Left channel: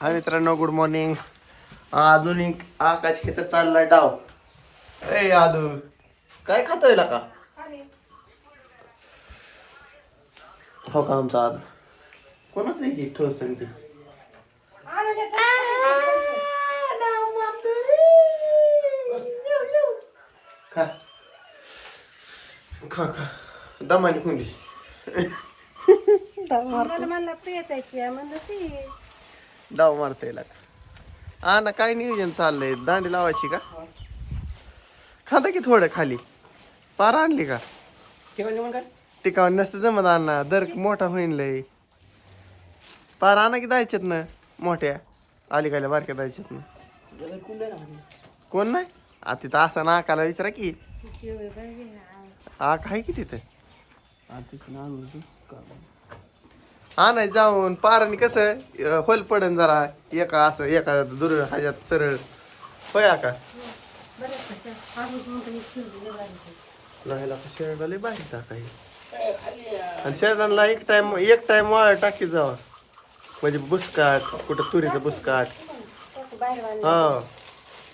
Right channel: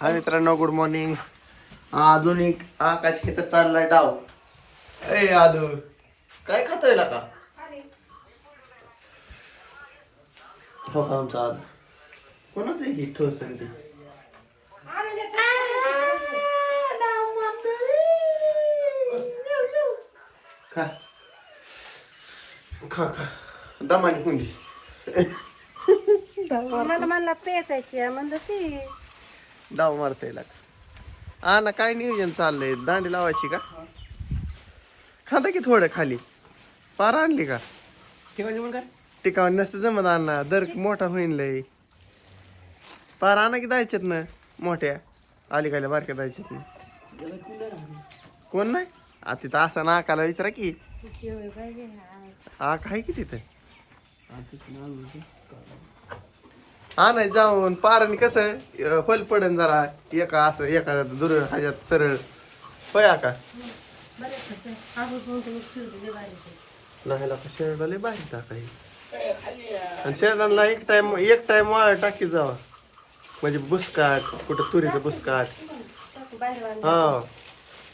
हा मित्रांनो good morning आधुनिक आकाश खेत चाललाय डाव. ए आदू काय खातोय का? हो का आमचा आदू? कोणाच हे? ठोस आहे ते खा. खा खा. दमाने कोणती मला मला पेचायची आहे म्हणलं ती. डाव मारता येईल हा ना काय नियोजन चाललंय? दांडी लावायची का? खाता की थोडं खाली? पार आणली का? टिकावं नसतं जमत आणा दर मोठा होईन लय. पार आणा की जायच्यात ना? मोठ्या. अलीकडल्या बारक्या जायच्यात ना. कोण नाही? आ तिथं असा नाकाला विचारा की. आक आहे की तिथं? हा नाही जाऊन पारण कसं होल पडन जरा एका असं एका दुर ह्याच्यात सरळ. होय आका लय बारीक नाही का शेरडाला बाहेर टाकाय. आणि शेरडाला एक टाइम एक टाइम वाळ टाकी जावा. म्हणजे बुसकाट कुठं तुरीचं बुसकाट हा.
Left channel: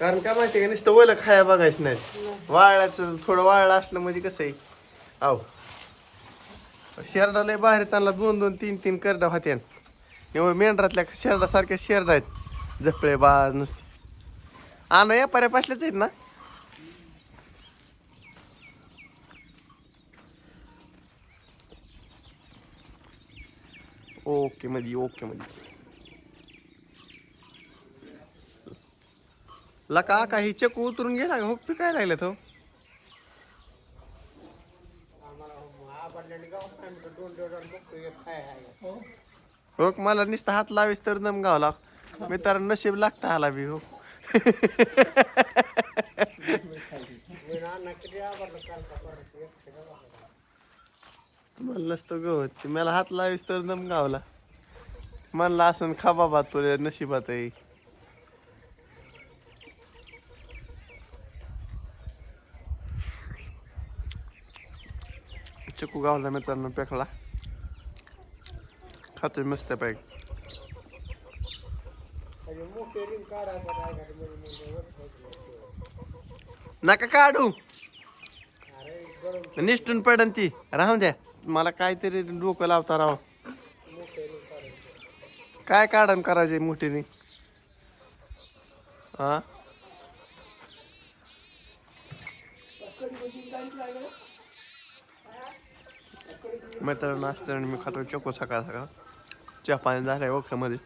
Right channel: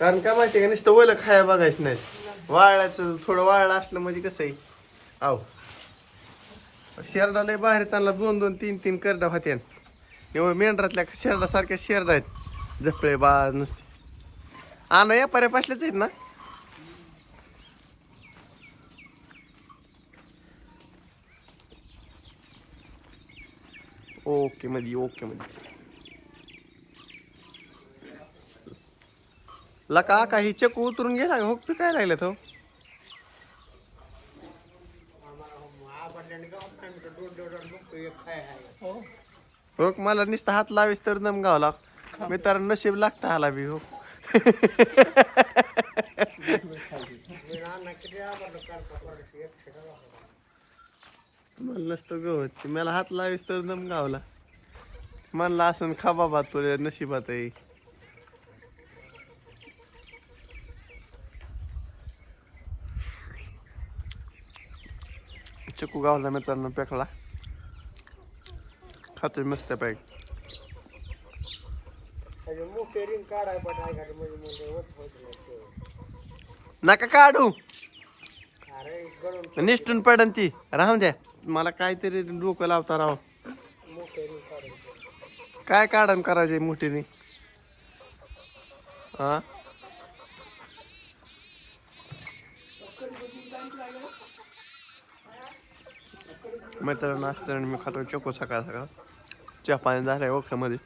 कारण काय माहिती का नुसतं ओलं खाया बघायचं नाही वाळाचं थोडं वाळलं असलं म्हणजे कसं आहे आहो शेरडा लय बाहेर त्यांना दोन दोन तीन तीन करडा होते एवढं मेंढरातल्या शेरडासारख्या शेरडा आहेत. जपळे बाज नुसते. आणा या पर्या पासल्याच आहेत ना. ओके मध्ये ओके मध्ये लका काही चकू उतरून गेला का? हो काय लागलं तो हो. हो. हो. मला नुसतं हात लावीस तर दम गावला मी तर नशीब लागता आला बी हो. मला नसतं गवत. मला हात लावीस तर दम गावला म्हणला असं खा बाबा तुझ्या नशिबात चकू गावला मित्रांनो पेकला खातोय मस्त पॅक नका काढू निष्ठून पडन ती राहून द्या मला काहीतरी डोकं लावता राव काय काढण करायचे मोठीने हा मित्रांनो असताना मी खातो चोको सकाळ सकाळ. चहा पाणी झालंय ओख्यामध्ये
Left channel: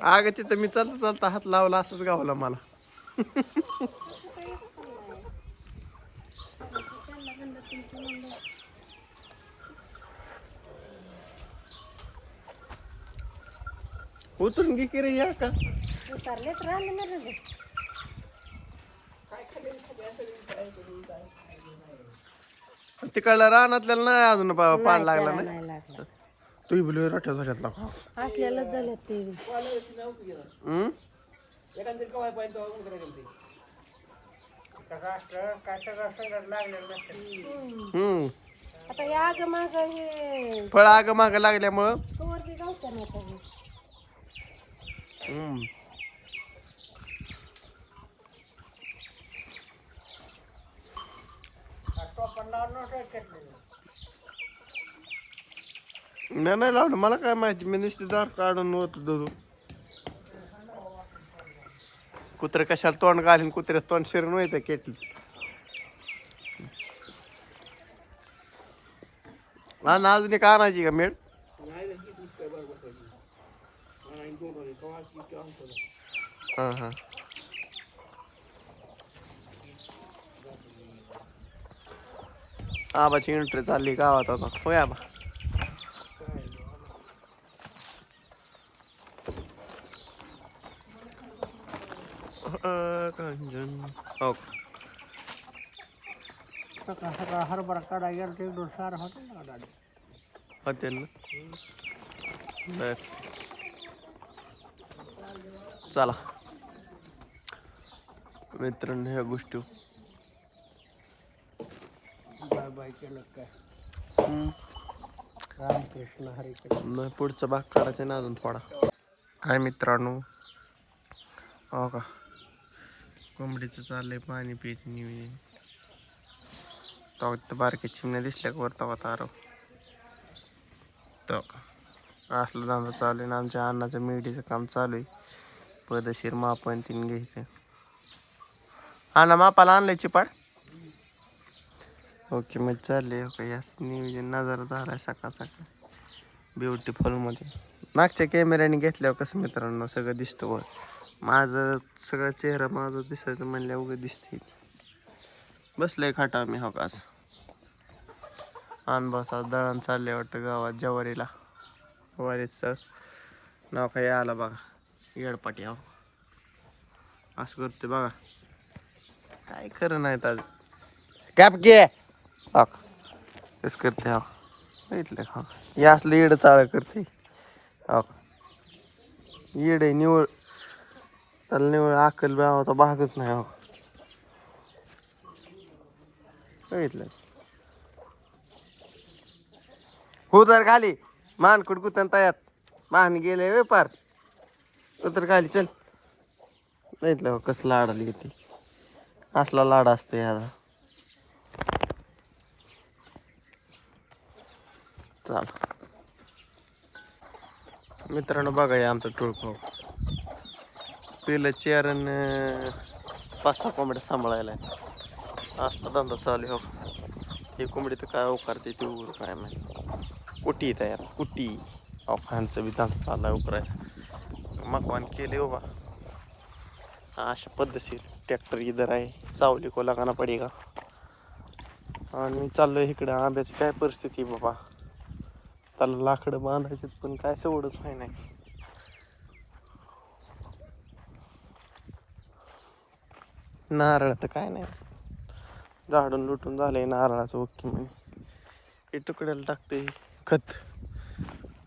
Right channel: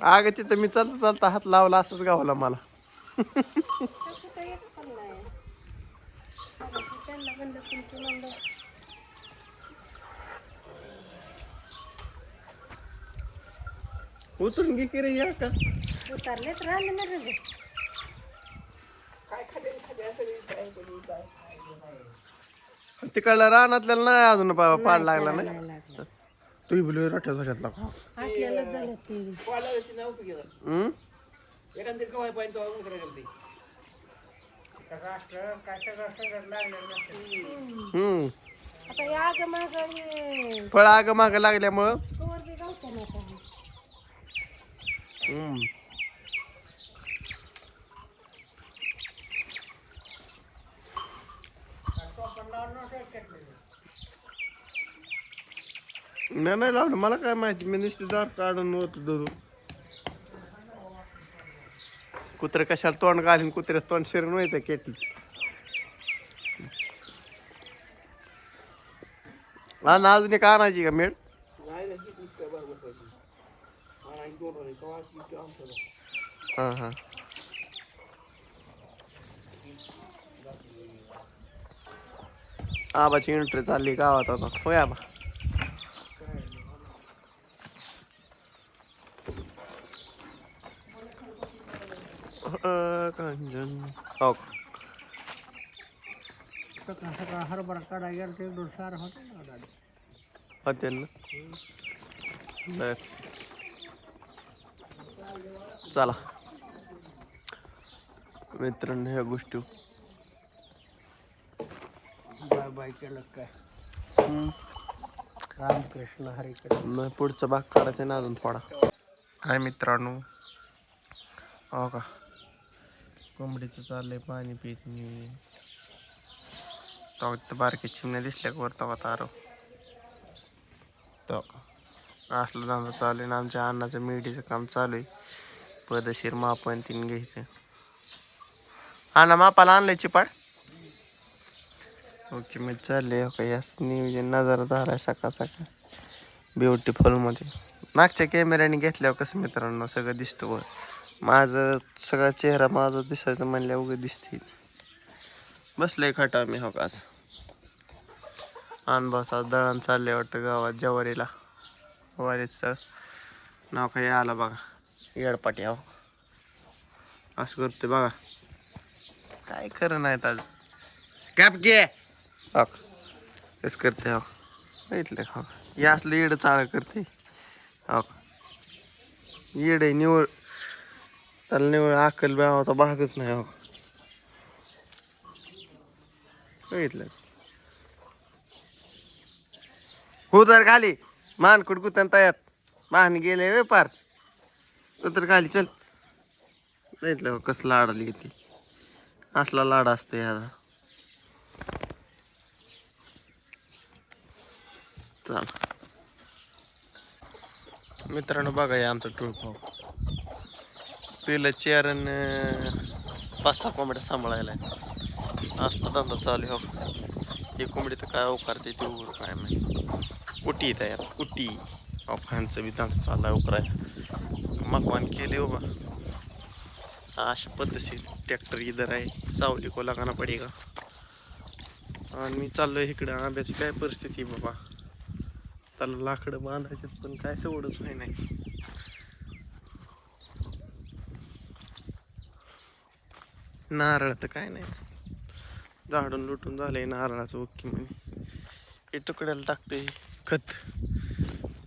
अगं तिथं मी चालता चालता हात लावला असंच गावला मला. उतरून घे की रे या का? उतारलेत राहिले ना रे तिकडला रानातल्याला नाही अजून पा- पाड लागला नाही नाही? लागलं. तू बोलू रोट्या झाल्यातला का असलेलं झालं ते. हम्म? हम्म. आता या ग माझं हे फळ आग माग लागल्यामुळं? Mm. नाही नाही लावलं मला काय माहिती. मी नुसते दार काढून होत दूध कुत्रे कशाला तोंड घालीन कुत्रे तोंड शिरून होतं केटली ना अजून एक आणायची का मेड हां हां आबाची एंट्री चालली गावात आता होय आबा अं, कांचन हो सकाळ सकाळ हरभरा काढा गेला ते दोन सार होते ना दादा होते ना बर चला. मित्रांनो ह्या गोष्टी. नाही पुढचा भाग काढायचा ना अजून थोडा. हाय मित्रांनो. हो का? कोंबडीचं चाललंय पाणी पित नियोजन. तवा बारके चिमण्या दिसल्या का वर तेव्हा तारव तो का? असलं धंदा चालू आहे ना आमच्या अन्नाचं मेढीचं काम चालू आहे. पदशीर मापन तीन घ्यायचं. हा ना मापाला आणलंय चिपाड. ओके मग चालले हो याच नियोजन नजारादार आहे सकाळ सकाळ. ब्युटिफुलमध्ये मागच्या कॅमेऱ्याने घेतल्यावर हो कसं मित्रांनो? सगळं दिसतं वर माझं सगळा चेहरा माझा दिसायचं म्हणल्या उगं दिसते बसलंय खाटा मी हो का अनुभवचा दळण चालले वाटतं गावात जवारीला. वारीचं नाव काही आलं बघा. येडपाटी हो. असं करते बघा. काय खरं नाहीत आज. कॅप घे. हक. कसं करते हो. बघितलं का? हो हे असलं येड चाळ करते हो. येड आहे निवळ. त्याला निवळ अक्कल होता भागच नाही हो. बघितलं. हो तर खाली मान कुटकुतन तयात मान गेले वे पार. उतर खाली चल. बघितलं हो कसं लाडाली ती? असला लाड असतो याचा चाल. मित्रांनो बघा हे आमचं टोळपाव पहिलं चेअर पाच सहा कोंबड्या सांभाळायला असला धंदा चालू आहे हो. हे कोंबडी तर काय उकारते ते उघड काय माहिती. कुटी यार कुटी अफांचा बी धंदा चालला उकरायला. मकवान केले हो बा अशा पद्धतशीर ट्रॅक्टर इधर आहे. सावली को लागाना पडेगा आणि मी चाललोय इकडं. आंब्याची काय परिस्थिती बाबा? त्यांना लाकडं बांधायचे पण काय सवडच आहे नाही. नारळ तर काय नाही. झाडून लुटून झालंय नारळाचं ओके म्हणे. हे तुकड्याला टाकते खत.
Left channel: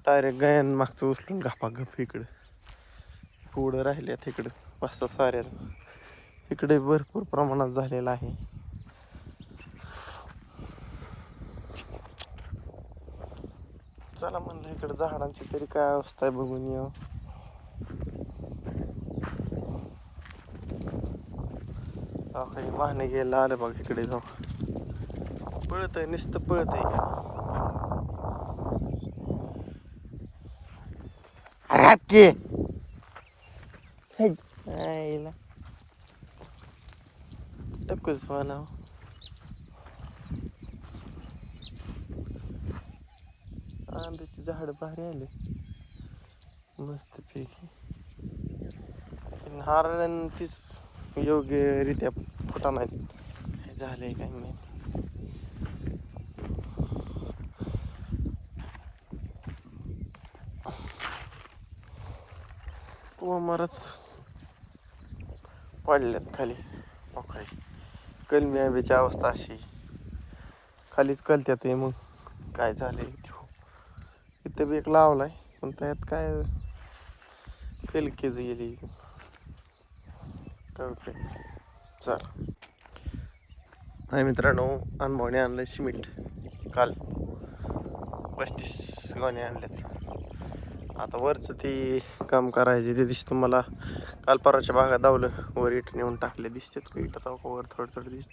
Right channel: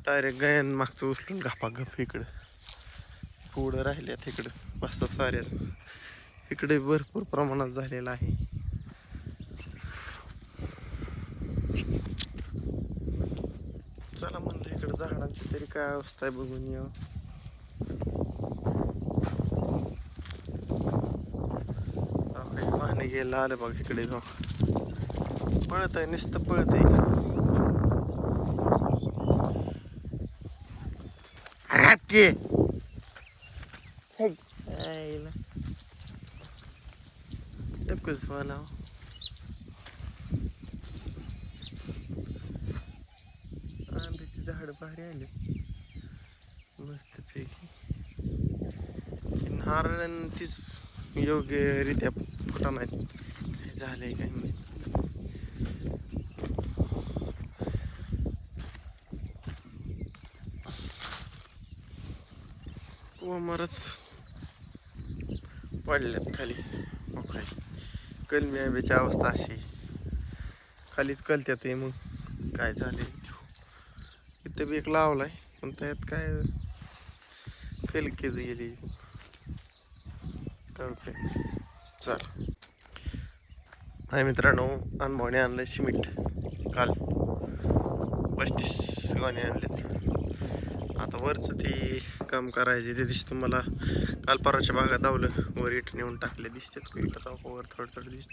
डायरेक्ट गायन मागचं उचलून घापा घप इकडं. पुढं राहिल्यात इकडं. पाच सहा साऱ्या. इकडे भरपूर प्रमाणात झालेलं आहे. चला म्हणलं इकडे झाडांची तरी काय अवस्था आहे बघून या काही वाहने गेलं आलं बघ इकडे जाऊ पळत आहे नुसतं पळत आहे हॅपकी एकच आंब्याची झाड भारी आले मस्त पैकी नारळ तीच योग्यरित्या फुटा नाही काय झालंय काय नाही कोमरच पडल्यात खाली मोकळी कलमी आंब्याची अवस्था अशी. खालीच कलत्यात ते मग. काय झालंय इथं? बी एक लावलाय पण त्यात काय फेलकेच गेली. कळते उपयोग चल. हाय मित्रांनो अनभावने आणलं शिमिट. काल पस्तीस गोणे आणलेत. आता वरचं ती काम करायचे ते दिवशी तुम्हाला काल परवाच्या भागात धावलं. वर इट नेऊन टाकले दिसतात का? इट वर थोडं थोडं दिसत.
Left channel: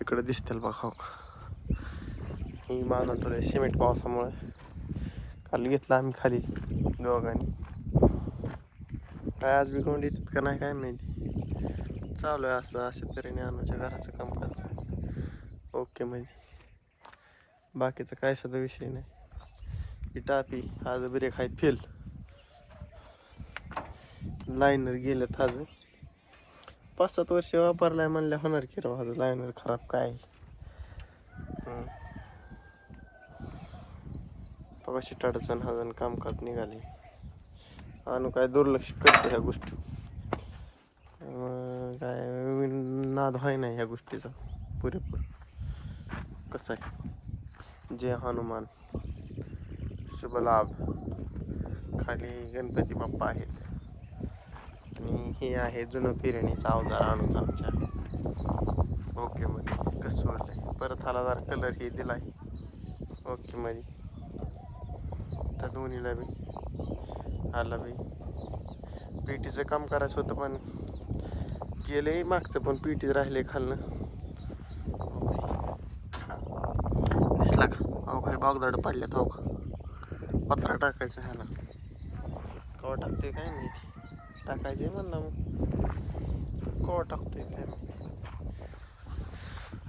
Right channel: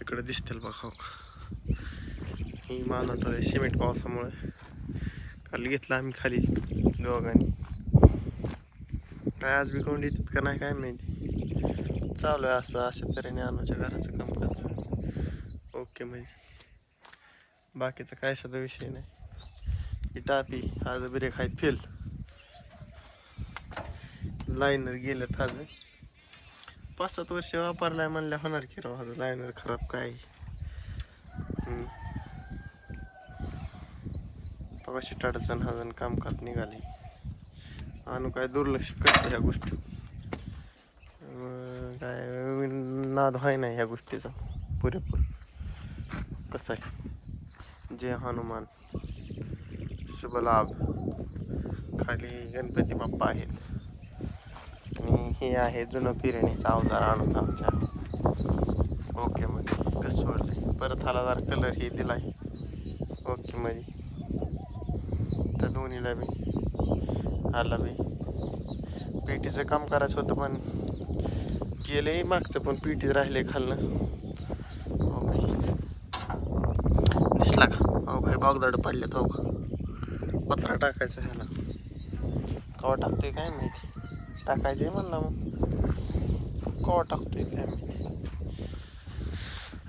इकडं दिसतील बघा हो. ही. मानून ठेवलं सिमेंट पावसामुळे. काल घेतला आम्ही खाली दोघांनी. काय आज बी कोण येतात का नाही काय माहिती. चालू आहे असं अशा तऱ्हेने अनुच्या घराचं कामकाज. ओके म्हणजे. बाकीचा काय सुद्धा विषय नाही. ही टापी आज ब्रेक आहेत फेल. लायनर गेलं ताज पाच सात वर्ष वापरलाय म्हणल्या होणार की राव आज लायनर खराब काय? हम्म. कशी हा हजन कामकाज निघाले आणू काय दुर्लक्ष करतो ह्या गोष्टी. काय नाद व्हाय नाही ह्या गोष्टीचा. पुरेपूर. कसं आहे? जय हनुमान. शुभ लाभ. खाली गणपती बाप्पा आहेत. आणि हे आहे जुनं फिरण्याचा अवजार आणूच आमच्या. ओके मध्ये कसं सोडलंय परत हाला जरा कलर हे दिलाय. ओके मध्ये तर दोन्हीला बी. हाला बी. पेटीचं काम करायचं होतं पण केलंय मागचं पण पेटीत राहिले खाल्लं ओके. दिसला का? अहो काही बागदाड पडल्यात हो का? पत्रा टाकायचा ह्याला. कवा टाकतोय काय माहिती? टाकायचे म्हणलं मग. कवा टाकतोय काय माहिती.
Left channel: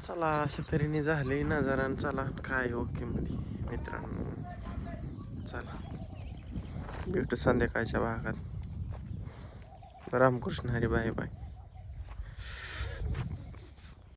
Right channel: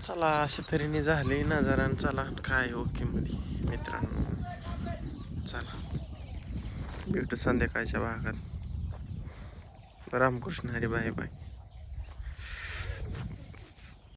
चला अशा तऱ्हेने झाले नजारा चला काय हो ओके मध्ये मित्रांनो. चला. भेटू संध्याकाळच्या भागात. Ramkrishna Hari bye bye.